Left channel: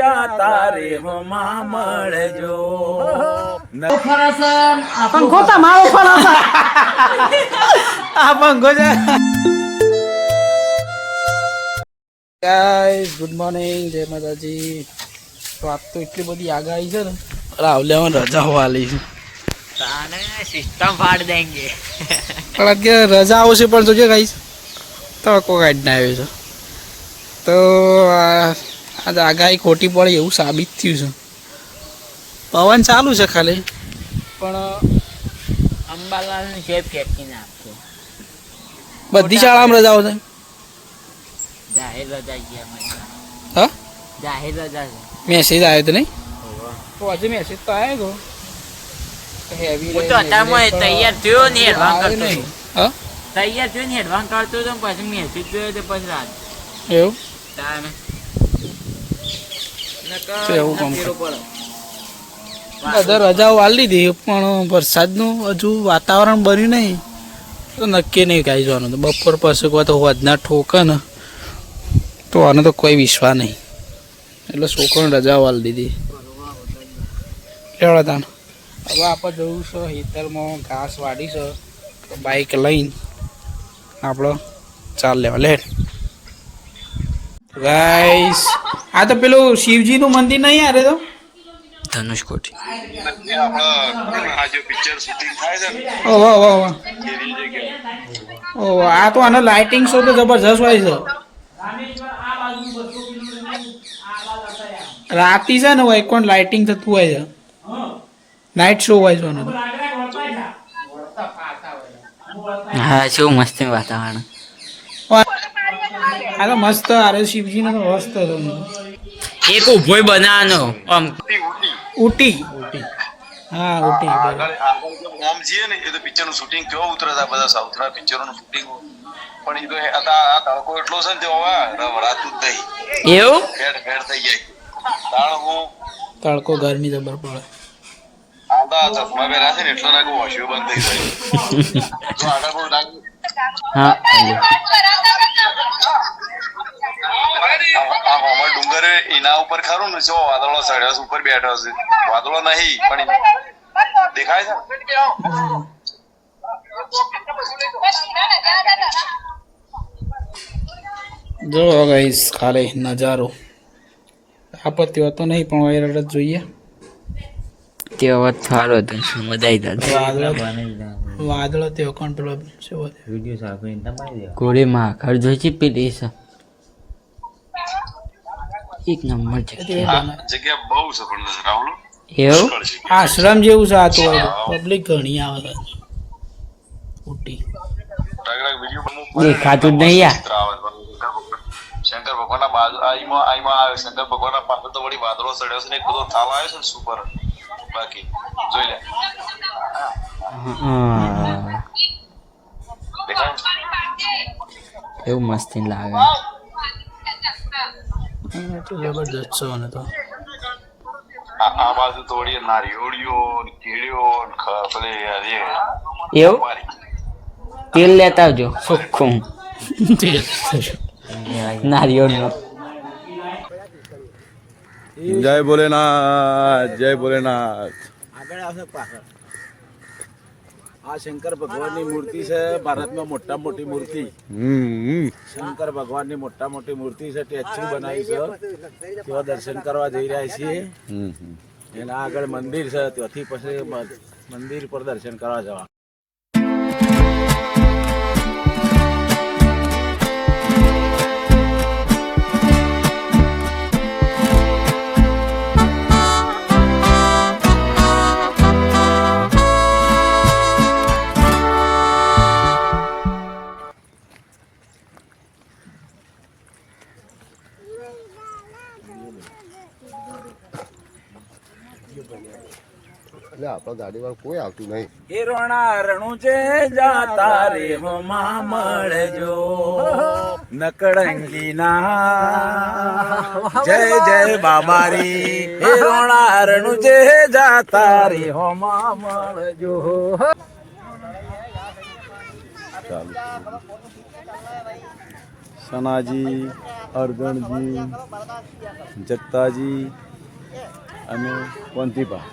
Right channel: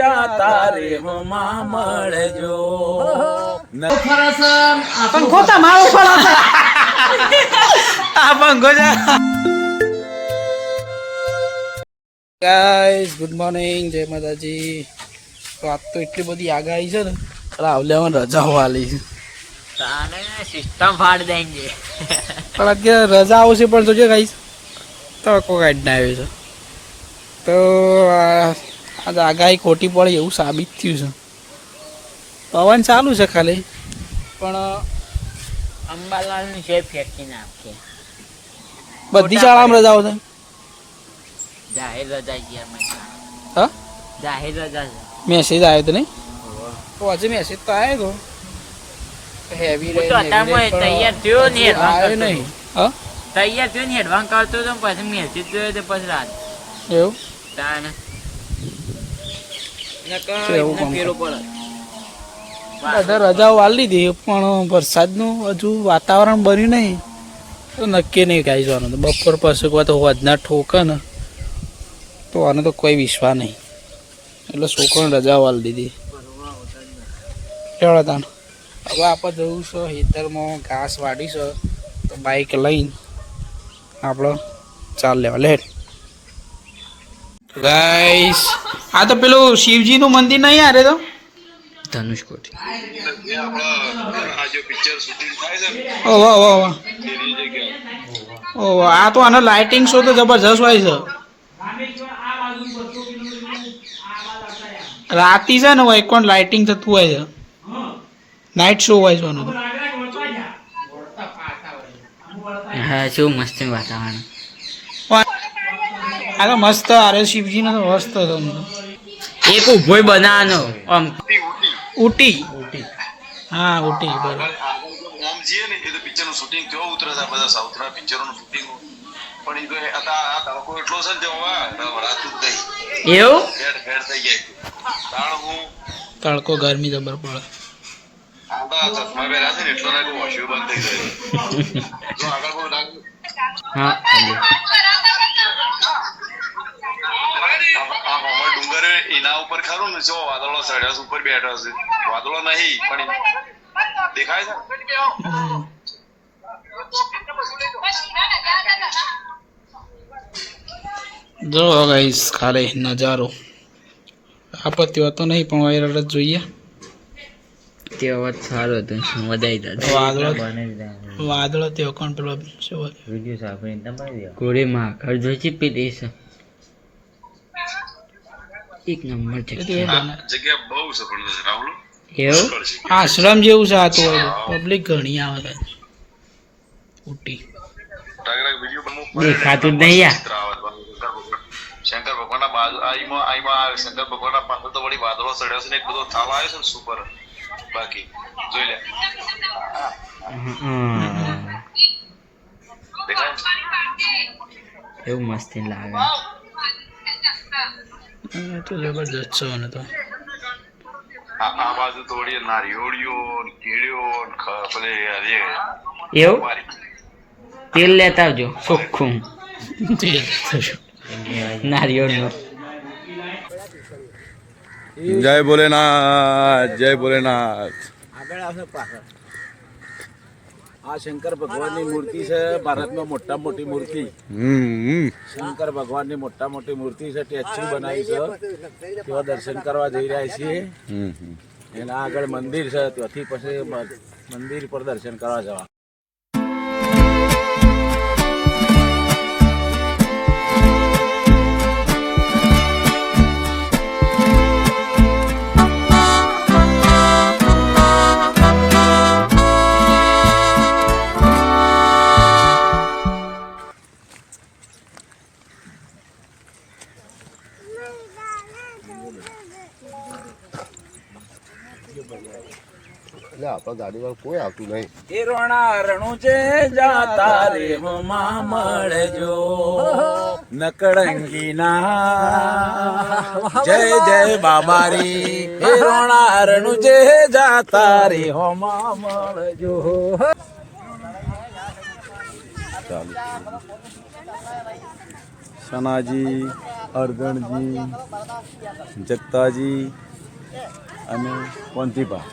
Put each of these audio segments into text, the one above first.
જાતા રે હોમાં મળજો પંખો તમારો પણ આ પંખો છે ગાઈસ ગુડ મોર્નિંગ જય માતાજી. તો આજ તો એટલી બધી આગાહી છે ને રાવલેમાં રજા વાલી છે. તાને સિસ્ટમ ફાડ દેંગે. પણ અત્યારે રજા આવશે પણ જોજો ગાઈસ તડકો કાઢી ના આવ્યો છે. તો આજે આગાહી ખોટી પડે એવું સાબિત થયું છે. પવન ચાલુ છે ખાલી. પણ અંબાલાલ છે ફેંકી નાખશે બધી શાળામાં રજાઓ છે? જાહેર રજા છે. હા? જાહેર રજા છે. મેસેજ આવ્યો તો નહીં? તો આજે મેસેજ તો આવ્યો તો. હેવી હું તો અત્યારમાં તૈયાર થયો ને એડવાન્સ કરતો. હા? તૈયાર થયો ને એડવાન્સ કરતો તો પછી મેસેજ જોયો તો પછી રાત. એવું? તાને એવું કામ કરે. રજાઓ વાલી દીધી પણ વરસાદનું હજુ વાતાવરણ બન્યું નહીં. તો નક્કી નહીં કાંઈ જવાનું. તો બપોર પછી કોઈ તો વધના ઠોકે ને તો આને તો કોઈ વિશ્વાસ નહીં. એટલે છોકરાને રજા વાલી દીધી. કેવડા તાન હવે આપણે જવું છે ખેતરમાં ઘાસ વાડી છે તો બાઈક લઈને આપણે ચાલ લેવા. લેટ ગાઈસ આ તો પેલું શિવજીનું મંદિર નહીં યારે તો? ધનુષકોટી ઓહ વાહ વાહ વાહ વાહ આ તો આનો લાઇટિંગ શો તો જબરજસ્ત હોય છે. રાતી છે ને હોય કોણ લાઇટિંગ થતું હોય છે. નાઇટ શો હોય છે હા શું મસ્ત વાતાવરણ. આ તો મસ્ત આરે શિવજીનો તો મસ્ત હતો એક ઉભોય બનાવવાનો આમ ઉટી હા ઉટી બરાબર. ઓમ જીએ ને એ તો પિક્ચરનું શૂટિંગ કેવો ઉતરતા બધા સાઉથ ના પિક્ચરો નું શૂટિંગ પણ એ તો એ આ તડકો એટલો છે ને તે હવે રવડાતું જ નહીં. એવું? ફેડ ફેડ થઈ જાય. તાણ હું? તડકો ગરમી જબર પડે. આંધા ચશ્મા પહેર્યા છે ને એટલો નાખું વોશિયો બંધ થઈ જાય જો આગળ કોઈ નાખ્યું હા આ આ હોમર એના ઉપર ખરું ને જો વાદળો ચડ્યો ઉપર બેઠો છે. વાદળો નહીં પણ દેખાય છે? જો ગાઈસ ખાલી નજારો. આપત્તિ હતો નહીં પણ વાયરલ જ જોઈએ. તે અવાજ સારો હતો વધાઈ વાદળો વાદળો તે કોણ પેલો શું તમારી ગોળી માં ઘર જોઈ છે પીડી છે એક નંબર છે. જગ્યા બહુ જબરદસ્ત રાહુલ એવું? આશ્રમ જેવું છે આ તો પબ્લિક ઘણી આવે છે. ઉટી દેખાતું જ નહીં શંકર ભગવાનના બાજુ આઈમાં આઈમાં આવે. શંકર ભગવાનના પાછળ તો વળી વાદળો ચડ્યો છે ને એક બધો થાવ આવ્યો છે ને સુપર બાકી જોઈ લે. એવું મસ્તી લાગે. એ તો જબરજસ્ત છે મને તો. આ આ બાજુ તો વળી નારિયોળીઓ ને કેળીઓ એ એવું? તેલ લેતા આવજો ચોખ્ખું નારિયોળનું જય ભોલેનાથ જય ભોલેનાથ. આ શંકર ભગવાનની મૂર્તિ છે ભારતમાં મોટા મોટી મૂર્તિ. હમ શંકર ભગવાનની મોટા મોટી મૂર્તિ છે ટેચ્યુ બનાવી છે. તેવા દર્શન કરવા જઈ રહ્યા છીએ. એના આગળ મંદિર છે ત્યાંથી પછી મંદિર પર દર્શન કરવા જવા આપણા ગાડીમાં કોઈ આવતું નહીં. એ રોણા રણું છે જાતા રે હોમાં મળજો. નકળંગી ના જય જય બાબારી. હે રોણા રણું છે જાતા રે હોમાં મળજો. ચાલુ સનાજી અરગણજી જગતાજી અને વંતીપા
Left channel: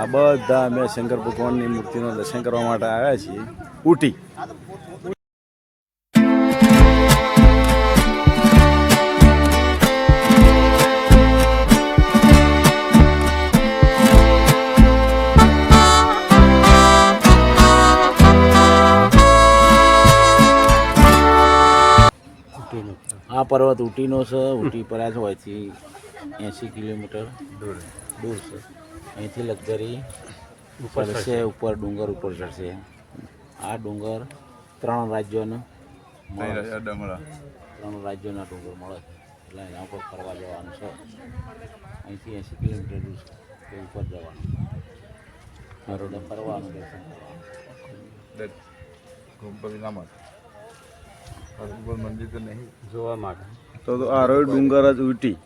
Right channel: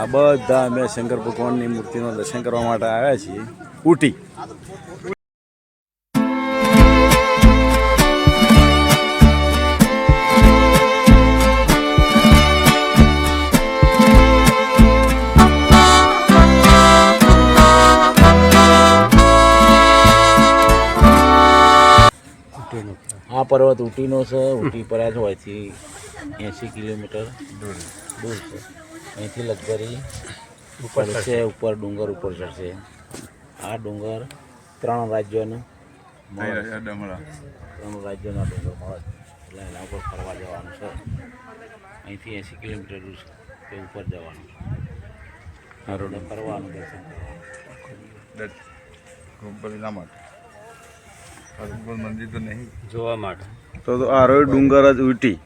આ બધા અમે શંકર ભગવાનની મૂર્તિનું દર્શન કરવા માટે આવ્યા છીએ. ઉટી. આ પર્વત ઉટીનો છે, ઉટી પર જ હોયથી એંસી કિલોમીટર દૂર દૂર છે. અહીંથી લગભગ ચડશે. ઉપર ડુંગર ઉપર ચડશે. આ ડુંગર ત્રણ રાજ્યોના ત્રણ રાજ્યોના ડુંગર મળે એટલે એના ઉપર ફરવા જવાનું છે. અહીંથી એંસી કિલોમીટર દૂર છે. તે ઉપર જવાનું એટલે ફરવાનું દર્શન કરવાનું. જોવા માટે. તો આ રોડ ડુંગર જ ઉટી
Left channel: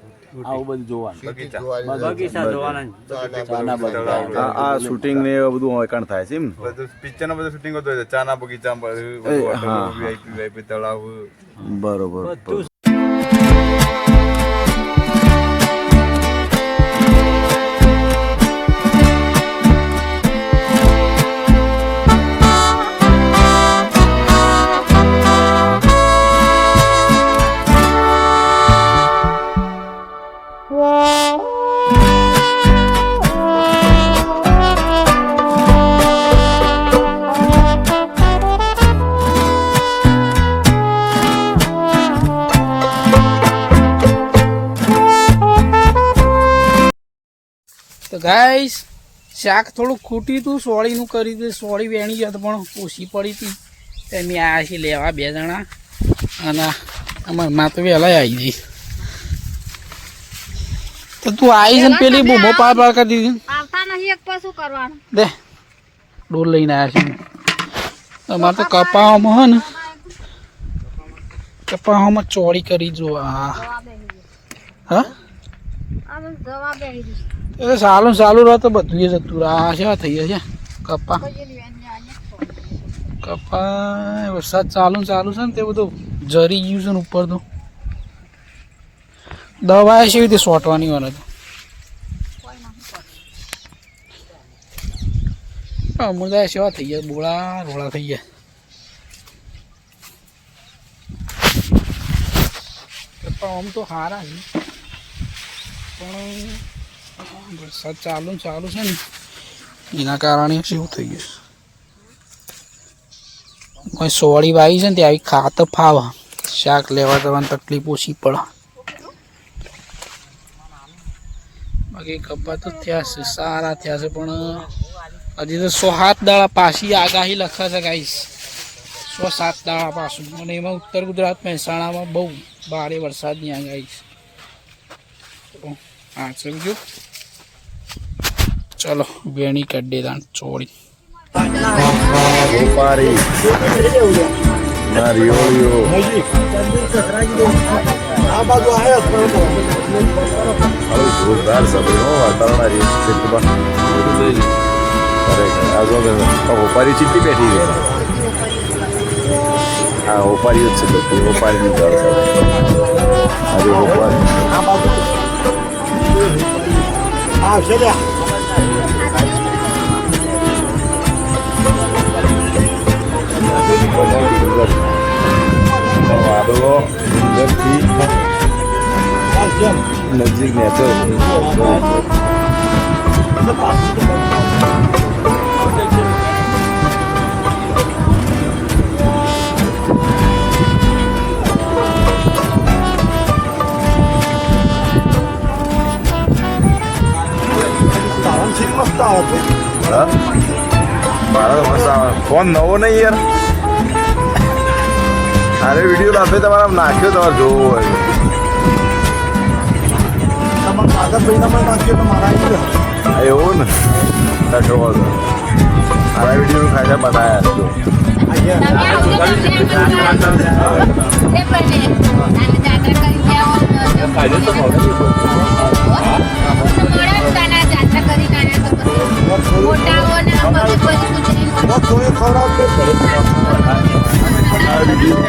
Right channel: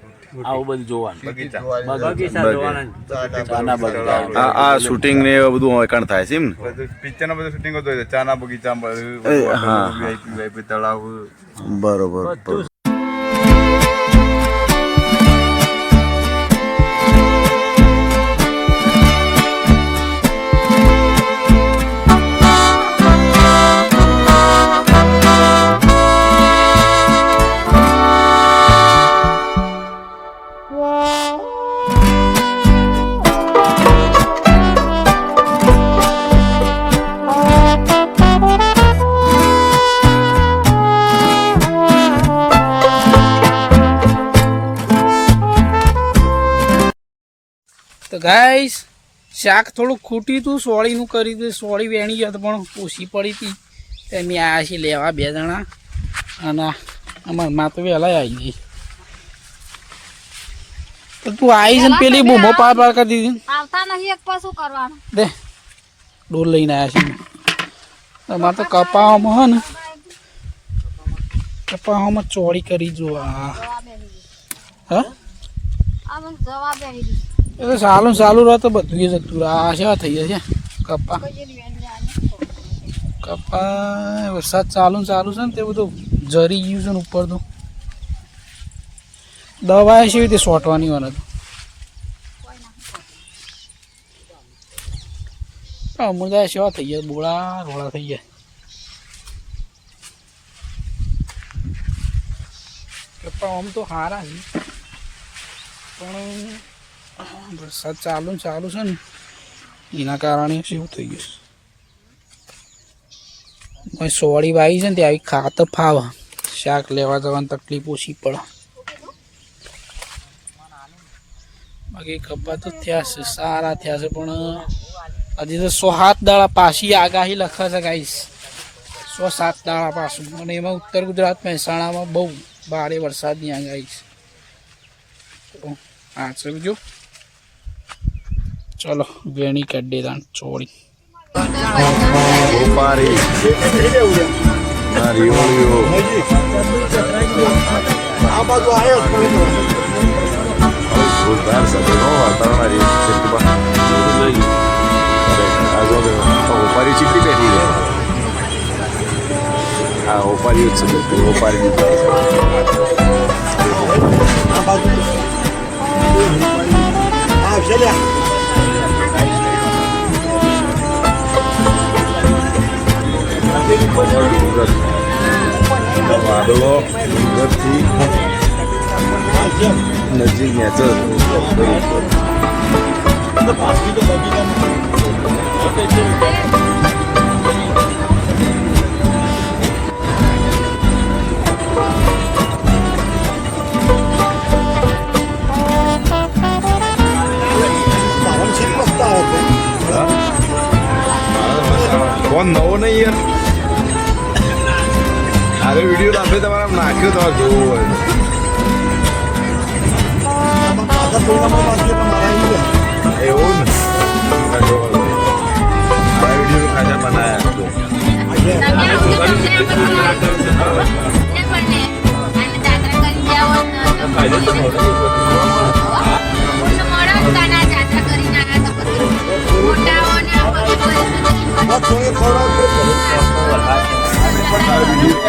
આવું બધું જોવાનું. બગીચા. જોવાના. બગીચા. આ શૂટિંગ ને એ બધું વેકાણ થાય છે એમ? ને પિક્ચર નો બધું શૂટિંગ હતું ચાના બગીચા એ, હા. વીઆઈપી વીઆઈપી તળાવ. બરોબર. ગાઈસ શાક થોડું ખૂટી હતું સોળીનું કરી હતું સોળી વેણી જત પણ ઓછી પડી હતી. તો અમે આવ્યા છીએ લેવા બે જણા. અને અમારા માં તો વહેલા આવી જઈ તો તું આવી છે પેલી બૂમો પાર પાર કરી દીધી. આવતા નહીં એક પર કરવાનું. દે ડોલ લઈને આવ્યા છીએ અમારે તો કપાવામાં હે ને કપાવામાં ચોળી કરી જો હા? હા જવાબ આવી એ તો સારું સારું રહે તો બધું એ જતું આ છે થઈ જશે કપા કપા વરસાદ ચાલુ ચાલુ છે ને તે બધું જરી ગયું છે ને ઉપર તો દવા છે રીતે સોટવાની મને તો? અમુદાય સેવા થઈ જાય બોળા રોળા થઈ જાય કપા આમ તો સારા છે. પણ વરસાદ ચાલુ ચાલુ છે ને, એના કારણે શું થઈ ગયું? કોઈ સોળી વાગી છે ને ત્યાં આવી ખાતર ફાવા. શાક લેવા જવાની તકલીફ ઓછી પડે. બાકી કપા તો થયા છે, સારા થયા છે, પણ હજી તો સો સાત દાડા પાછી આગાહી લખે છે ગાઈશ સો સાત દાડા પાછું. અને એમાં ઉત્તર ગુજરાત મહેસાણામાં બહુ ભારે વરસાદની આગાહી છે તો છે સમજો ચલો વેણી કાઢી દાણ ચોળી ગોપારી નારિયોળીઓ હવે જોરદાર સભ્યો વાતાવરણ આ રીતમાં ખરેખર આ જો ને, આ બેઠી છે આ ઓપારી જ છે ઓપારીનું ઘર છે ઓપારી કમળ ડુંગર વાદળો ડુંગરથી નજીક નેચર ફોન નવો નહીં યાર અરે વીડિયો લાભે તમારે નાખ્યો તમારે જોવું હોય. એવું ને? છો. મારા વીડિયો ખાતા બનાયા જો. a vivir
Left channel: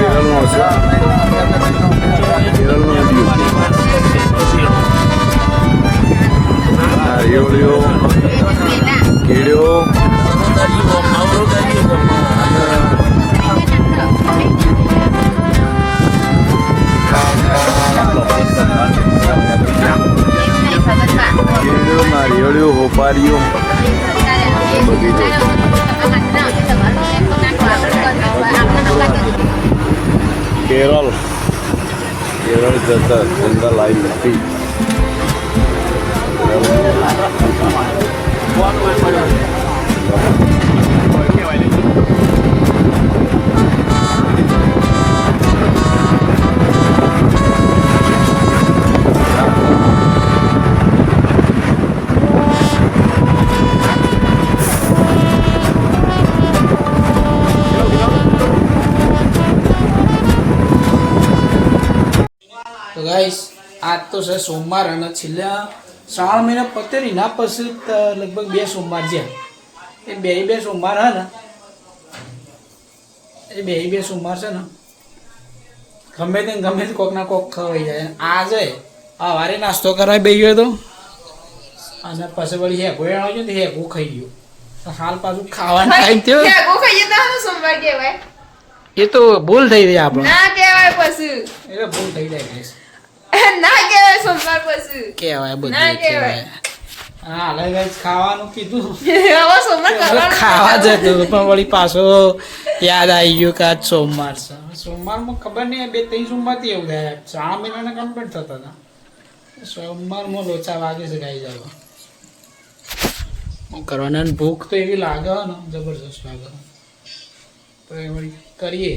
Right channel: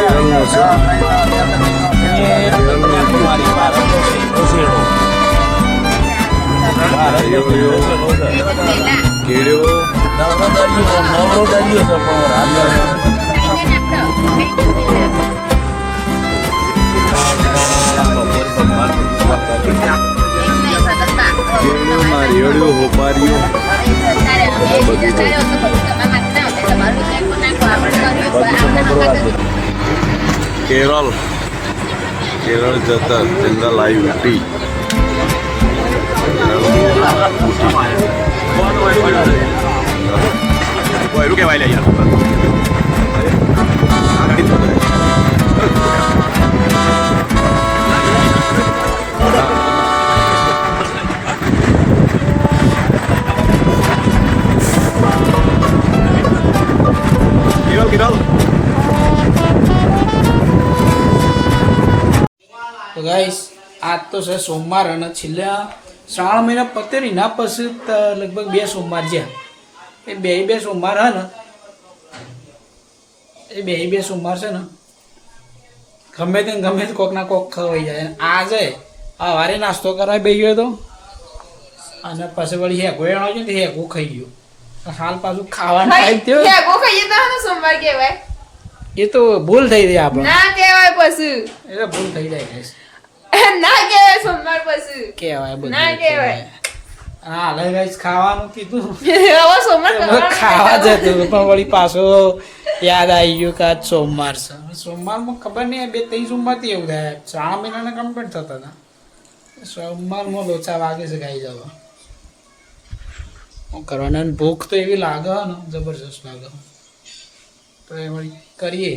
Kerala. કેરળ જતા જંગલ આવી ઉટી તો ગાઈસ આજ તો છે સોમવાર અને છેલ્લા શ્રાવણ મહિના પતે નહીં ના પછી લગભગ બે સોમવાર છે. એ બે બે સોમવાર હા ને? એ બે બે સોમવાર છે ને? ગમે તે ગમે તે કોક ના કોક ખવાઈ જાય. આજે આ વારે નાસ્તો કરાવી બે ગયો તો. અને પછી વળી હેગો એનો છે ને હેગો ખાઈ ગયો. હાલ પાછું ખાવાનું ટાઈમ થયો હેગો ખાઈએ તો સોમવાર કહેવાય. એ તો ભૂલ થઈ રહી આપણે. ના કહેવાય પછી. એ ભૂલ થઈ જાય guys. ના કહેવાય સોમવાર પછી. કહેવાય બધું ના કહેવાય. હા guys ખાવાનું કીધું. હવે ખાવા જતું પણ વળી પાછો યાદ આવી ગયું કે આજ સોમવાર છે. સોમવારમાં ખબર નહીં બે ત્રણ સોમવારથી એવું થાય. શ્રાવણ મહિનાના કમ્પ્લીટ થતા હતા. સોમવારમાં લોચા વાગે છે ગાઈ જવા. હું કરવાના ભૂખ તો એવી લાગે ને જબરજસ્ત લાગે તો એ વળી કરીએ.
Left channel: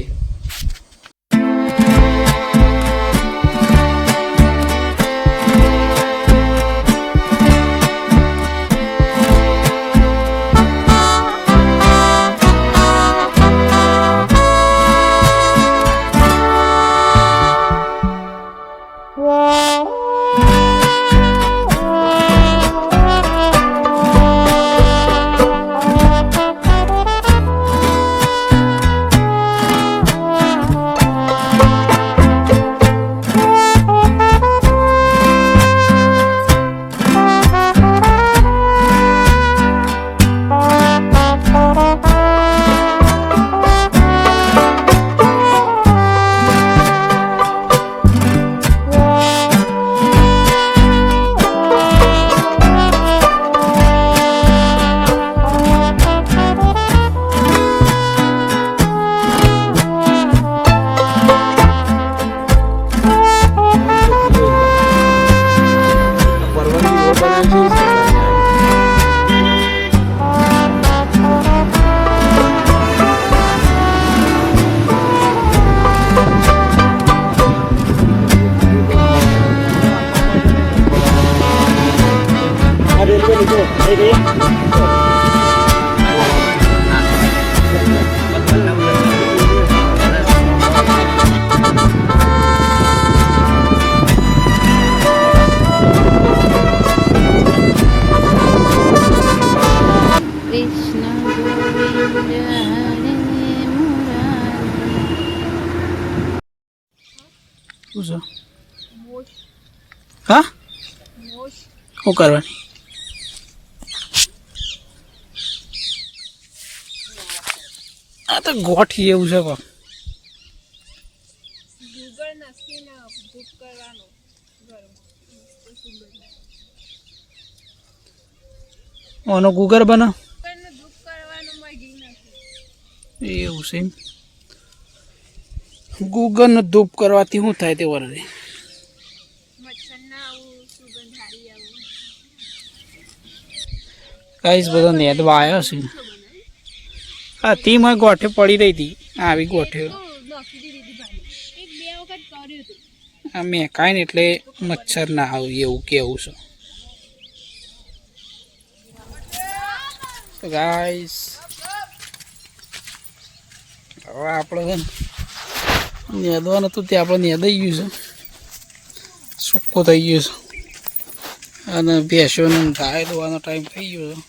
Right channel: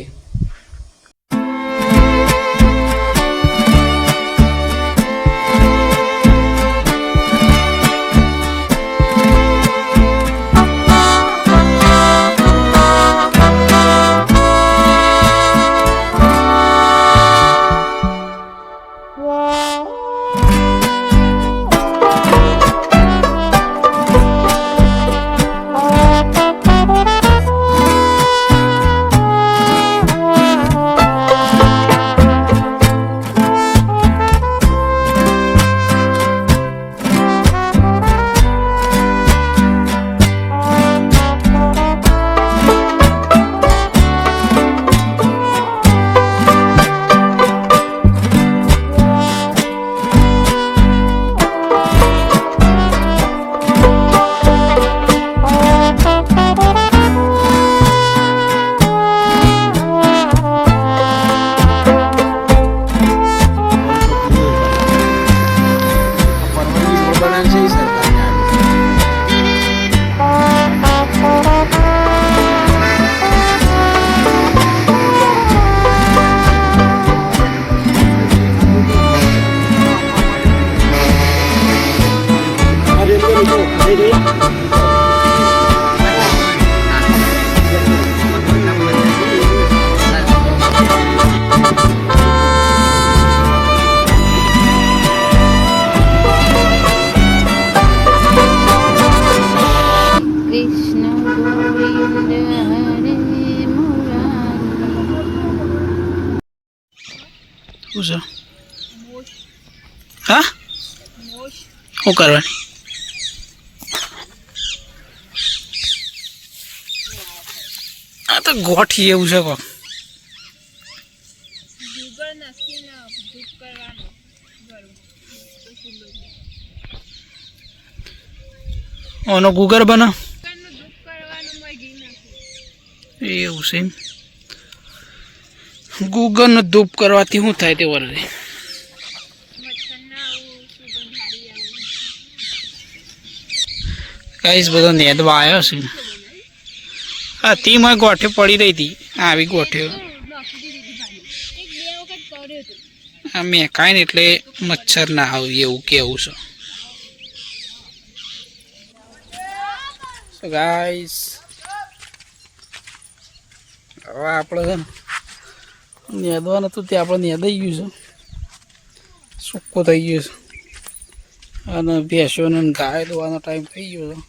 શું છે હા શું કરવાની આ તો ગોઠી એવું છે કોક ઓનો ગુગર બના? એવું છે એમ. ગુગરનો ધૂપ કરવાથી શું થાય તે વરરે? ગાઈસ બધો નેદવા આવ્યો છે. હા તી મને ગોઠે પડી રહી હતી. આવી ગોઠ્યો આ મેકાય ને એટલે મચ્છર ના આવે એવું કેવું છે. ગાઈસ હવે આપણે છે નેદવાનું હતું તે આપણે નેદાઈ ગયું છે. સૂકો થઈ ગયો છે. અને ભેંસોને ગાય દોવાનો ટાઈમ થઈ ગયો છે.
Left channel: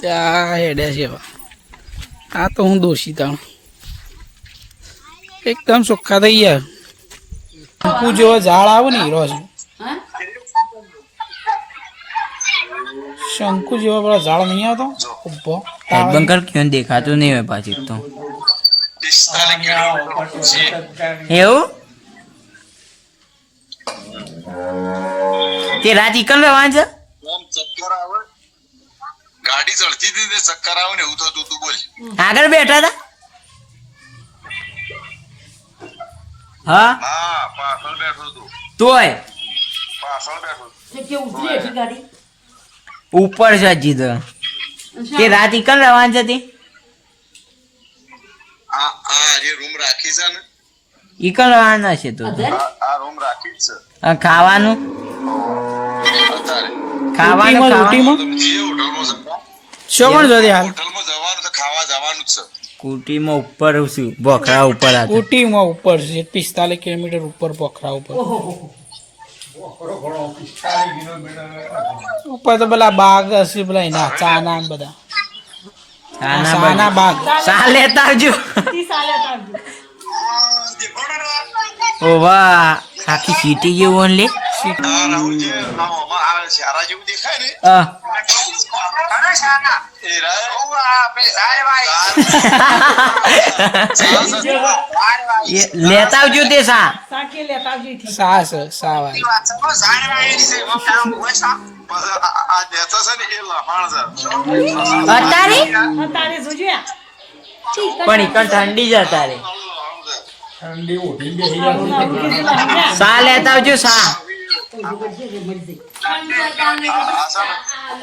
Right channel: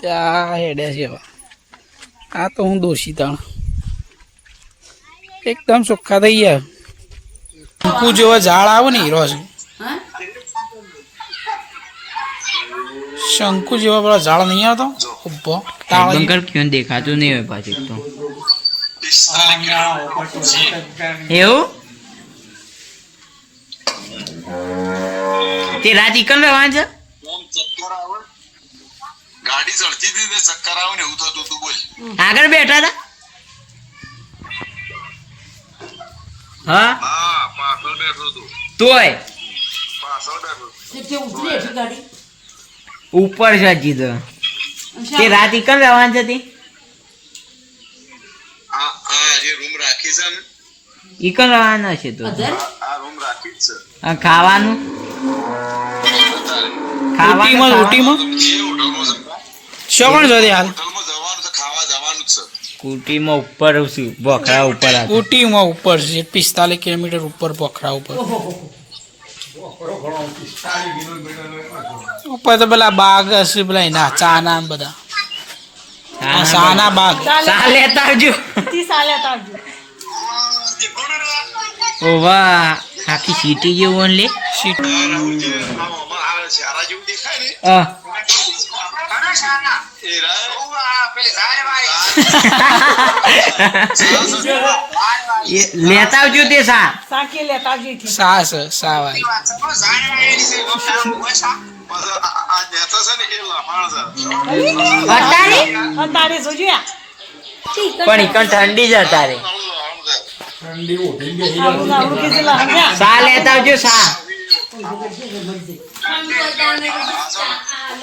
ત્યાં હેડ્યા છે હવે. આ તો હું દોષી તાણ. એકદમ ચોખ્ખા થઈ ગયા. ટૂંકું જેવો ઝાડ આવે ને હીરો છે. શંકુ જેવા પેલા ઝાડ નહીં આવતો? ઊભો. બંકર ક્યાં દેખાતું નહીં હોય પાછી તો. એવું? તે રાત એકલ રહેવાનું છે આમ ચક્કર આવે ગાડી ચડતી હતી ને ચક્કર આવે ને એવું થતું તું બોલ. આગળ બેઠા હતા? હા? હા પાછળ બેઠો તું તોય? પાછળ બેઠો ઉપર છે હજી તો. તે રાત એકલ રહેવાનું છે તે આ આ જે રૂમ રાખી છે ને? એકલ રવાના છે તો. આ રૂમ રાખી છે. આ ખાવાનું? ઉટીમાં ઉટીમાં જે હોટલમાં શું પણ જોતી હાલ. હોટલમાં જવાનું છે ખાવા જવાનું જ છે. કુટીમાં ઉપર છું બોખરા ઉપર. ઉટીમાં ઉપર છે પિસ્તાલીસ કિલોમીટર ઉપર પોખરા ઉપર. ઉપર તો પેલા બાગ હશે પેલા એના ચાના બધા. ચાના બાગ. ચા લેતા આવજો ઓ વાહ આખી સિટી જેવું લે આ રાહુલ જે આ ઓમાં આવે છે આરા જેવું દેખાય ને અ, એ એ લેતા આવજો તે સા. સા છે સા વાળી આ નેતા છે ને એ લફાણ છે અતારે પણ ઈકણ ઠંડી સા લેતા આવજો સા.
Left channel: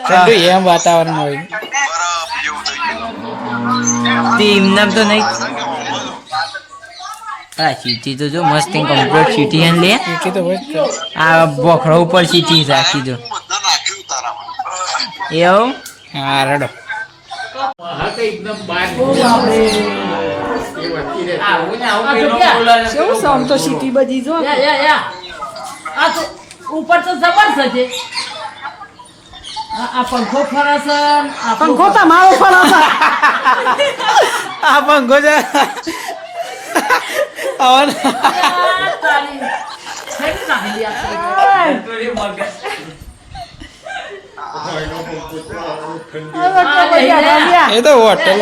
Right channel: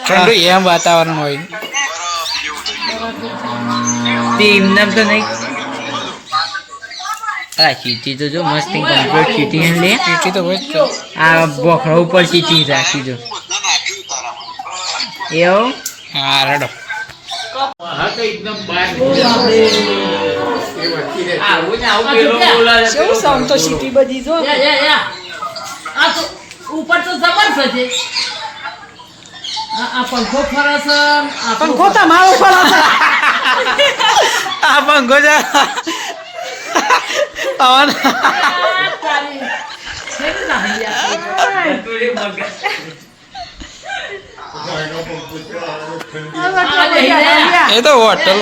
ઠંડુ એમ વાતાવરણ હોય. એમને તો નહીં. આ ચીટી તો જો મસ્ત કમ્પ્લીટ સીટી હે લે. તેથી તો હોય જ તો. આ બોખરા ઉપર સીટી છે આખી તો. હું બધા એવું હા રડો ઉપર તો જબરજસ્ત છે આ પંખો ફરે આ પંખો તમારો આ પંખો છે. અવન એ તો હોટલ.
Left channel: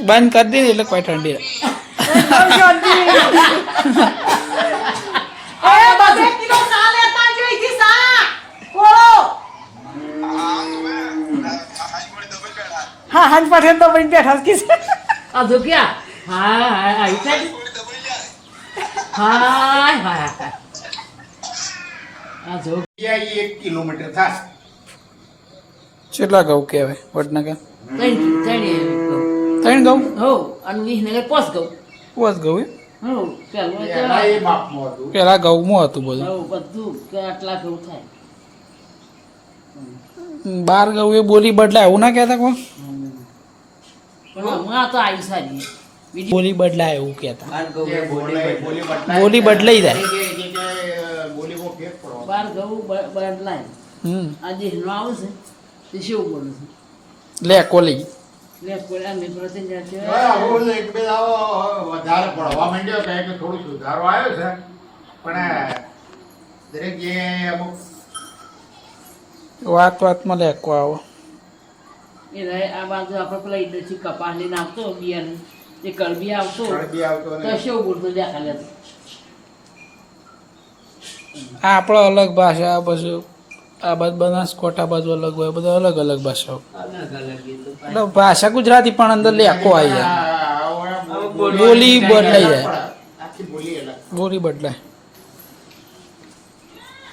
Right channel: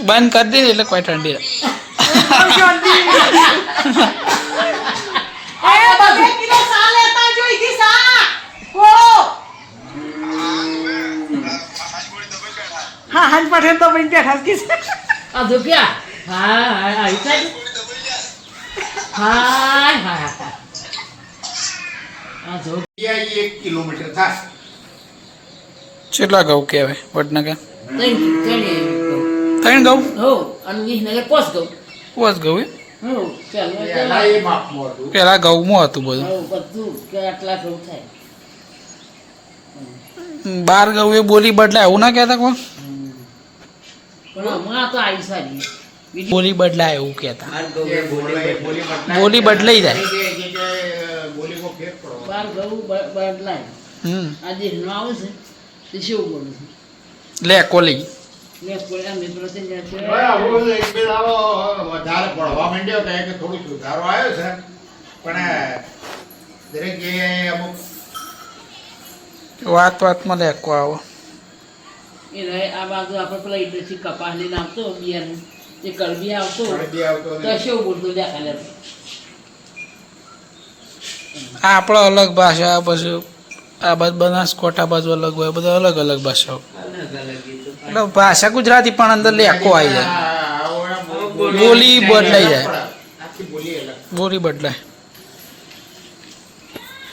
બંધ કરી દીધી એટલે કોઈ ઠંડી કેટલા ઘઉં કહેવાય વડનગર? ત્રણ ગૌ? ઘઉં હો અને વિસનગર પોસ ગૌ. પોસ ઘઉં એમ? પેલા ઘઉંમાં હતું બધું. બધું આટલા ઘઉં થાય. બાર ઘઉં એ બોલી બદલાય એવું ના કહેતા કોણ? પણ તો આવી સારી. બોલી બદલાય એવું કહેતા. બોલી બદલાઈ જાય. બાર ઘઉં બદલાય. હમ. આજે આવે છે તે શું બોલું છું. લે કોલી. લે તે વધારે પડવા માંડ્યો કહે કે થોડું સુધારો આવ્યો છે. પણ દરેક જગ્યાએ અમુક વાત વાતમાં લેકો આવો. એ રહે આ બાજુ આપણે પેલા ઇન્ડસ્ટ્રી કપાસ લઈને આવતો બિયારણ. એ કલબી આવતો બી આવતો તો શું બોલતો દેખાડે આ આપણો અલગ ભાષા પછી આ બાજુ બનાસકોઠા બાજુ અલગ હોય બધા અલગ અલગ ભાષાઓ. એટલે ભાષા ગુજરાતી પણ અંદર લેકો આવી જાય. બોલી બદલાઈ જાય. આખી બોલી અલગ. બોલી બદલાય.